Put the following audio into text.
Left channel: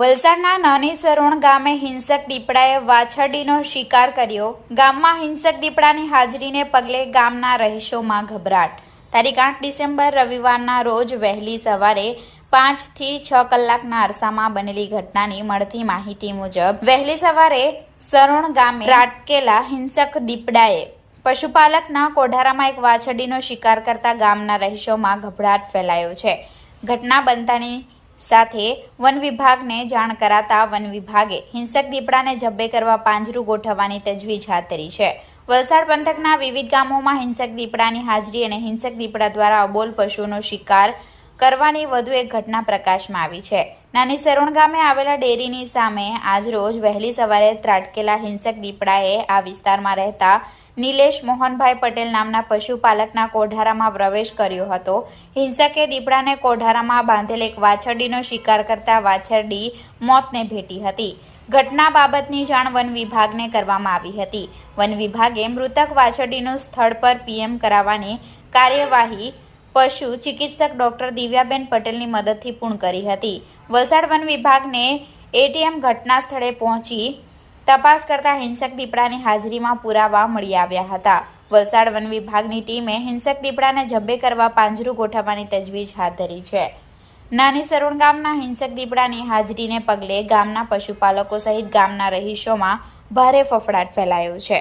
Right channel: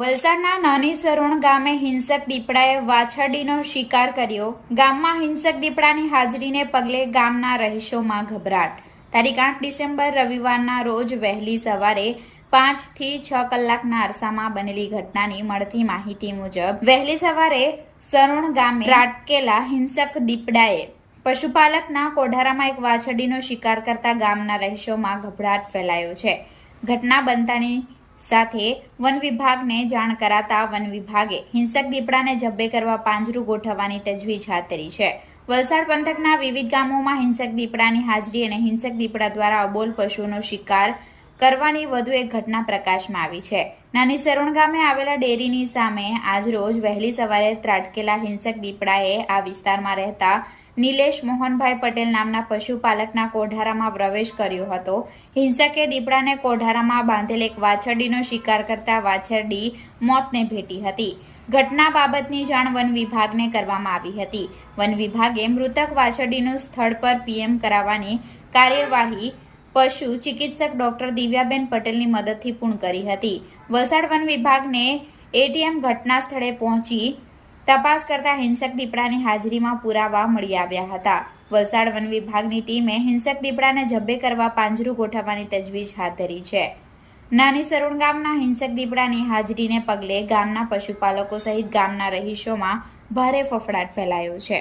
વલસાડના નાની સરોણ ગામે હિંસક દીપડાએ વાછરડીનો શિકાર કર્યો। ગામમાં હિંસક દીપડાની હાજરીને પગલે ગામના રહીશોમાં ગભરાટ। તારીખ 8 ડિસેમ્બર રવિવારના રોજ વહેલી સવારે 5 થી 6 કલાકના અરસામાં બનેલી ઘટનાની મળતી માહિતી મુજબ વહેલી સવારે સરોણ ગામે ત્રાટકેલા હિંસક દીપડાએ પશુપાલકના કોઢારામાં એક વાછરડીનો શિકાર કરતા ગામના રહીશોમાં ગભરાટ ફેલાયો છે। ઘટના બનતાની સાથે વન વિભાગને જાણ કરાતા વન વિભાગે હિંસક દીપડાને જબ્બે કરવા પાંજરું ગોઠવવાની તજવીજ હાથ ધરી છે। વલસાડ પંથકના વિવિધ ગામોમાં હિંસક દીપડાની હાજરી અને હિંસક દીપડા દ્વારા અબોલ પશુઓનો શિકાર કરવાની વધુ એક ઘટના પ્રકાશમાં આવી છે। નાની સરોણ ગામે આવેલા ડેરીની સામે આજરોજ વહેલી સવારે ત્રાટકેલા હિંસક દીપડાએ આ વિસ્તારમાં રહેતા નિલેશ મોહનભાઈ પટેલ નામના પશુપાલકના કોઢારામાં પ્રવેશ કર્યો હતો। હિંસકે દીપડાને કોઢારામાં બાંધેલ એક વાછરડીનો શિકાર કરતા વાછરડી મોતને ભેટી હતી। ઘટના બાબતની જાણ વન વિભાગને કરવામાં આવી હતી। વન વિભાગે મૃતક વાછરડીનું સ્થળ પર પીએમ કરાવવાની કાર્યવાહી પશુ ચિકિત્સક ડોક્ટર દિવ્યાબેન પટેલની મદદથી પૂર્ણ કરી હતી। વલસાડ વન વિભાગને એટીએમ ઘટના સ્થળે પહોંચી તપાસ કરતા હિંસક દીપડાની હાજરીમાં પુરાવા મળી આવ્યા હતા। વલસાડ વન વિભાગની ટીમે હિંસક દીપડાને જબ્બે કરવા પાંજરું ગોઠવવાની તજવીજ હાથ ધરી છે। નાની સરોણ ગામના હિંસક દીપડાની હાજરીને પગલે ગામના પશુપાલકો સહિત ગામના રહીશોમાં ભારે ફફડાટ ફેલાયો છે।